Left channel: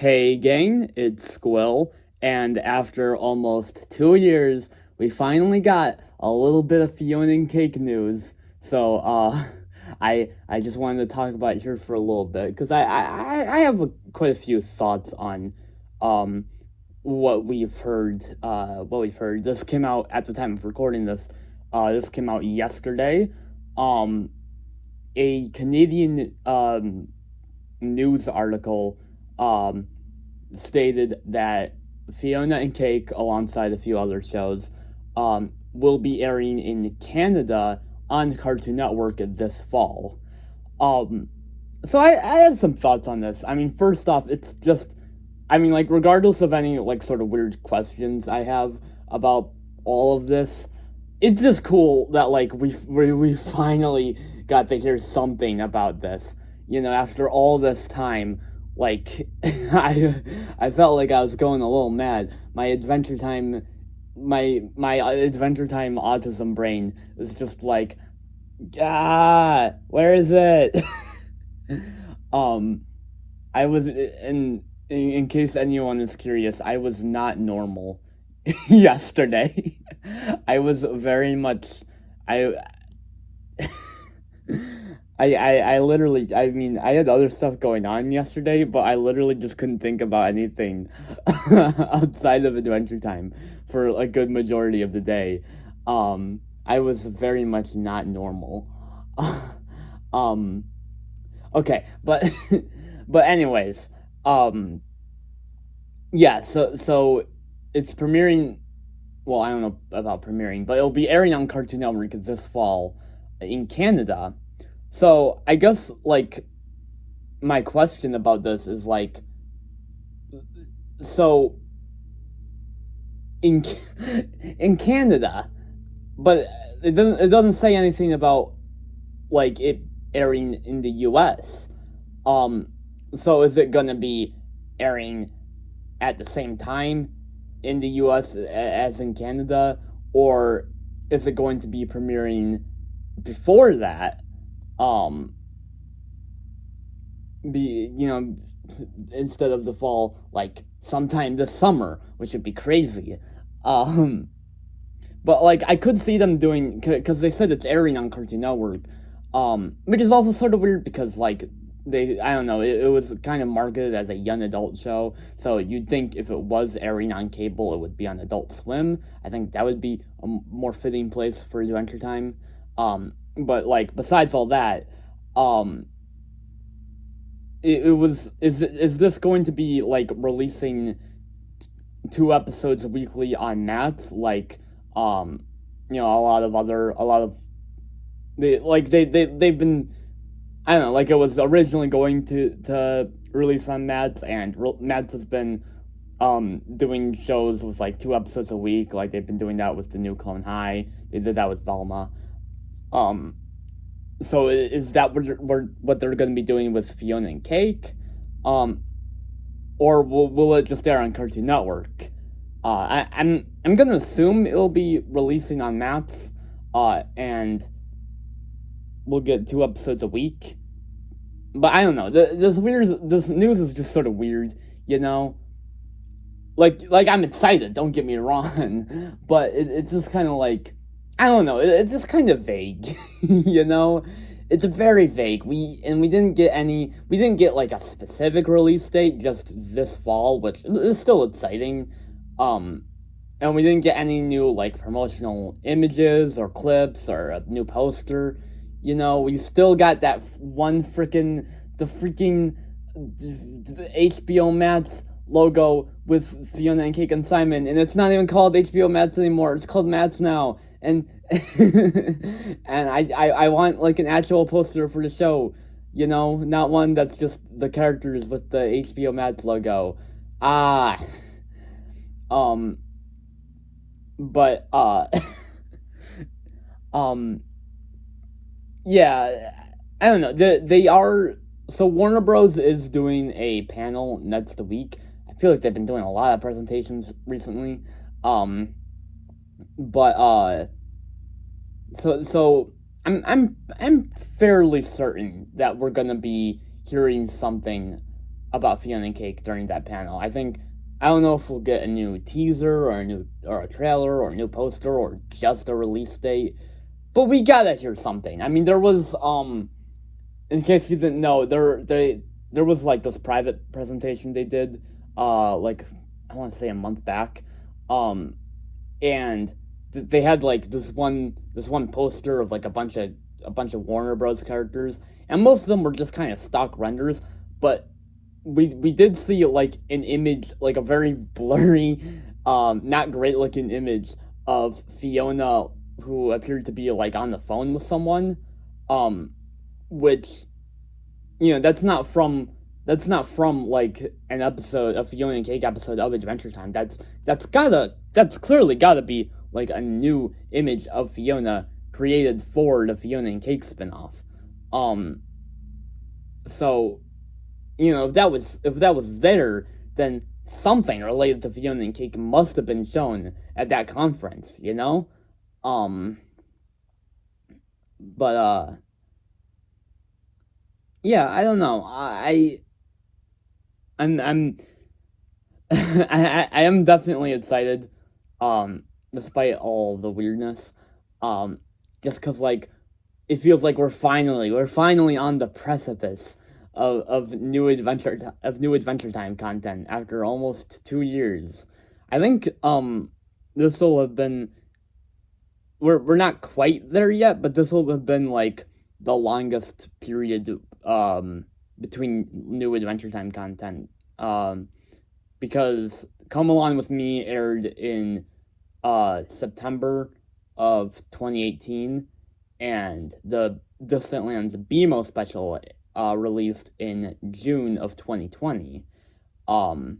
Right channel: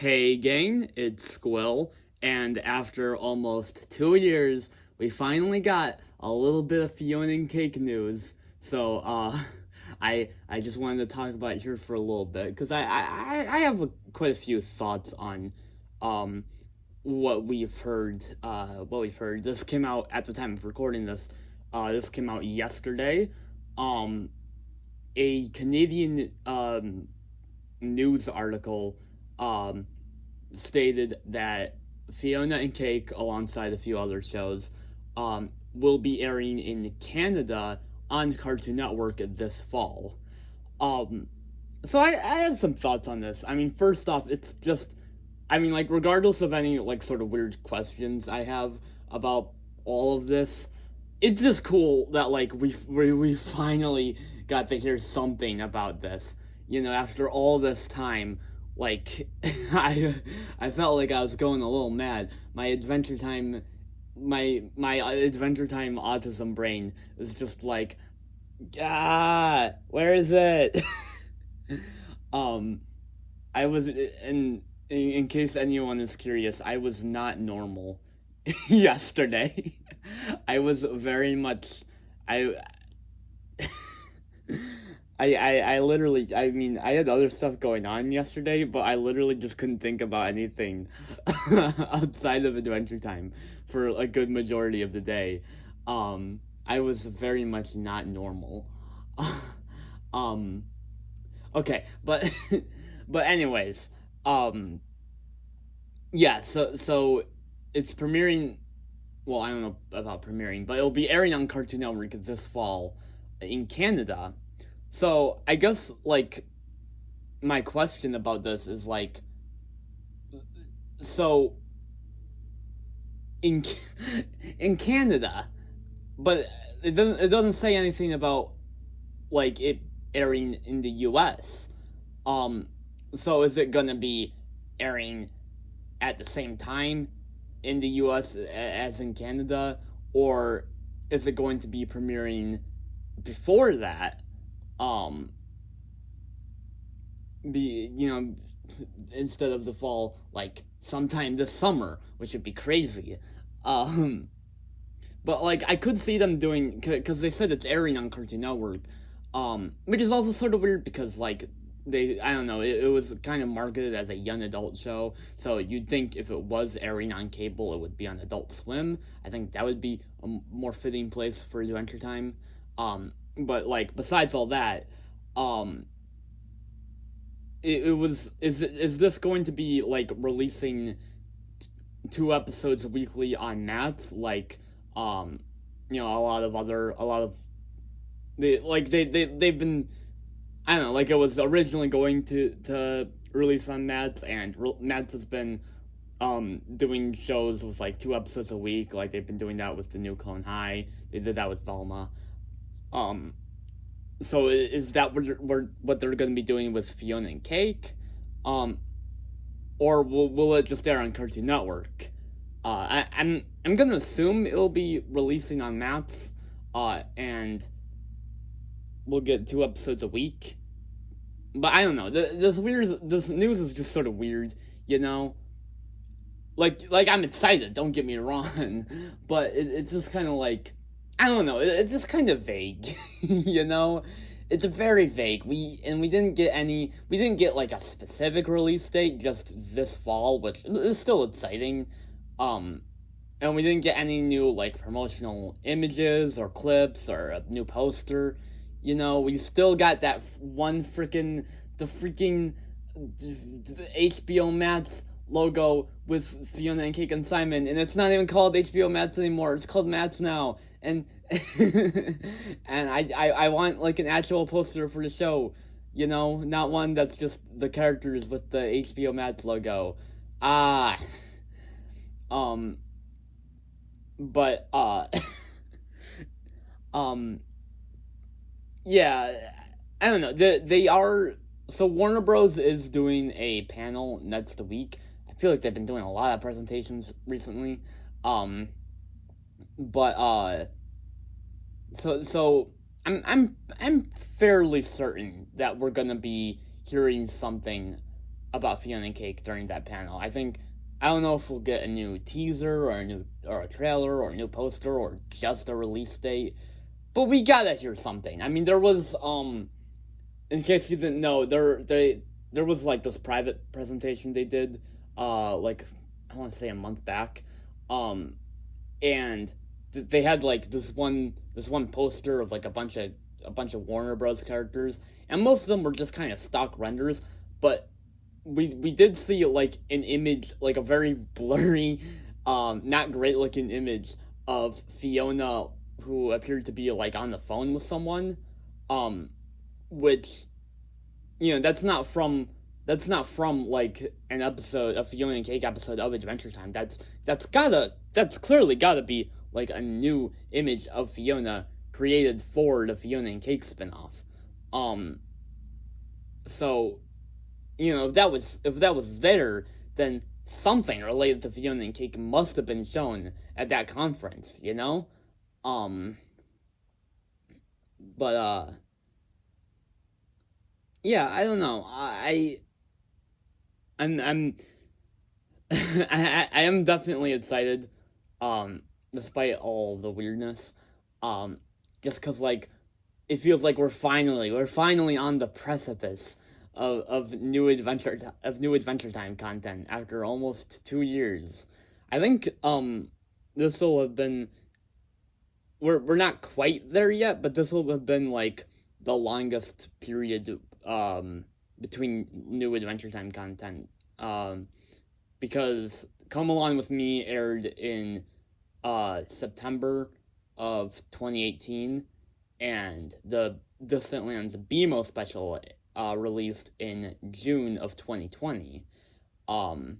Hey gang, it's Squill, and after almost 2 years, we finally got a little bit of Fionna and Cake news. So, I just wanted to talk about it here for a little bit because I have quite a few thoughts on, um, what we've heard. This came out at the time of recording this. This came out yesterday. Um, a Canadian news article um stated that Fiona and Cake, alongside a few other shows, will be airing in Canada on Cartoon Network this fall. Um, so I have some thoughts on this. I mean, first off, it's just, I mean, like, regardless of any, like, sort of weird questions I have about all of this, it's just cool that, like, we finally got to hear something about this. You know, after all this time, like, I felt like I was going a little mad. My Adventure Time autism brain was just like, where is it? um, I was in case anyone is curious, I was not normal yesterday. I was very much I I literally, I mean, I had other stuff going on yesterday, but I literally just couldn't think about anything outside of Adventure Time for a good majority of the day. I was very much not normal. um, okay, but but anyways, um, yeah. So it's premiering. Well, I don't know about premiering, but it'll be airing on Cartoon Network this fall in Canada. So I guess, like, my question about this is, like, so in in Canada, but it doesn't say anything about, like, it airing in the U.S. Um, so is it gonna be airing at the same time in the U.S. as in Canada, or is it going to be premiering before that? Um, be you know Instead of the fall, like sometime this summer, which would be crazy. Um, but, like, I could see them doing, because they said it's airing on Cartoon Network, which is also sort of weird because, like, I don't know, it was kind of marketed as a young adult show, so you'd think if it was airing on cable, it would be on Adult Swim. I think that would be a more fitting place for Adventure Time. But, like, besides all that, um, it was is this going to be, like, releasing two episodes weekly on Matt's, like, um a lot of they've been, I don't know, like, it was originally going to release on Matt's, and Matt's has been doing shows with, like, two episodes a week. Like, they've been doing that with the new Clone High. They did that with Velma. um so is that what they're going to be doing with Fiona and Cake? um or will it just air on Cartoon Network? I'm gonna assume it'll be releasing on Maps, and we'll get two episodes a week. But I don't know. This news is just sort of weird, you know. Like, I'm excited. Don't get me wrong, but it's just kind of like, I don't know. It's just kind of vague, you know. It's very vague. We didn't get any. We didn't get, like, a specific release date. Just this fall, which is still exciting. Um, and we didn't get any new, like, promotional images or clips or a new poster. You know, we still got that one freaking HBO Max logo with Fiona and Cake and Simon, and it's not even called HBO Max anymore. It's called Max now, and and I want, like, an actual poster for the show. You know, not one that's just the characters with the HBO Max logo. Ah, um, but um, yeah, I don't know. They are, so Warner Bros. Is doing a panel next week. I feel like they've been doing a lot of presentations recently. Um, but so I'm fairly certain that we're gonna be hearing something about Fionna and Cake during that panel. I don't know if we'll get a new teaser or a trailer or a new poster or just a release date, but we gotta hear something. I mean, there was in case you didn't know, there was like this private presentation they did, like I want to say a month back, and they had like this one poster of like a bunch of Warner Bros. Characters, and most of them were just kind of stock renders, but we did see like an image, like a very blurry, not great looking image of Fionna who appeared to be like on the phone with someone, um, which that's not from like an episode, a Fiona and Cake episode of Adventure Time. That's clearly gotta be like a new image of Fionna created for the Fionna and Cake spinoff. Um, so if that was there, then something related to Fionna and Cake must have been shown at that conference. Um, but yeah, I don't know. I'm I am definitely excited, despite all the weirdness, um, just cause like it feels like we're finally on the precipice of new Adventure Time content after almost 2 years. I think this will have been we're not quite there yet, but this will have been like the longest period between new Adventure Time content. Because Come Along With Me aired in September of 2018, and the Distant Lands BMO special released in June of 2020. Um,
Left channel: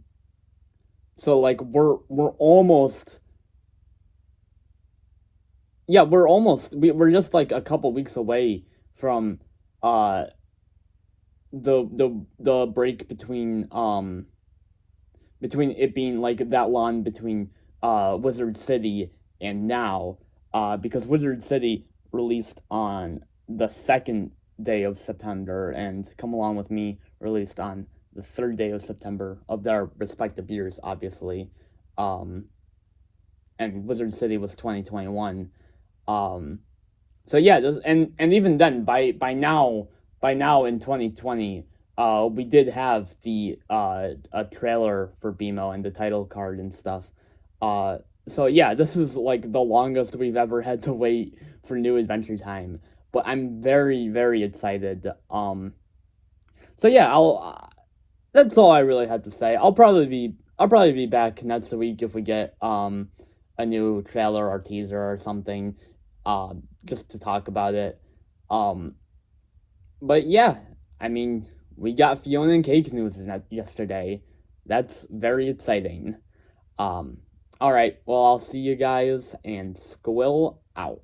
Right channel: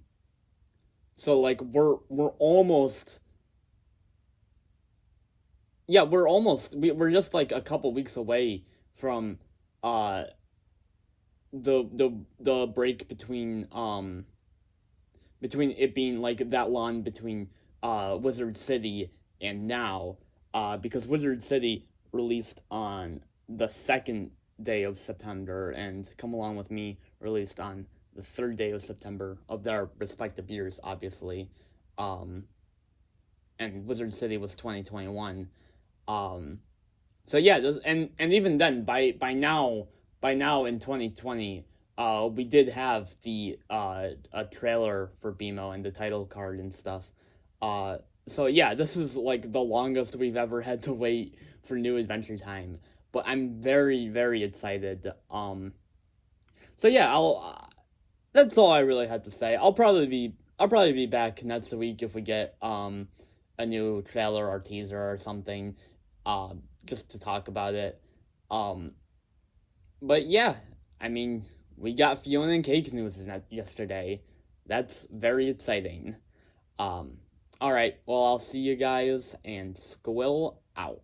so like we're almost yeah we're just like a couple weeks away from uh the break between it being like that long between Wizard City and now, because Wizard City released on the second day of September, and Come Along With Me released on the third day of September of their respective years, obviously. Um, and Wizard City was 2021. Um, so yeah, and even then, by now in 2020, we did have the a trailer for BMO and the title card and stuff. So yeah, this is like the longest we've ever had to wait for new Adventure Time, but I'm very very excited. So yeah, I'll. That's all I really had to say. I'll probably be back next week if we get a new trailer or teaser or something, just to talk about it. Um, but yeah, I mean, we got Fiona and Cake news yesterday. That's very exciting. Um, all right. Well, I'll see you guys, and Squill out.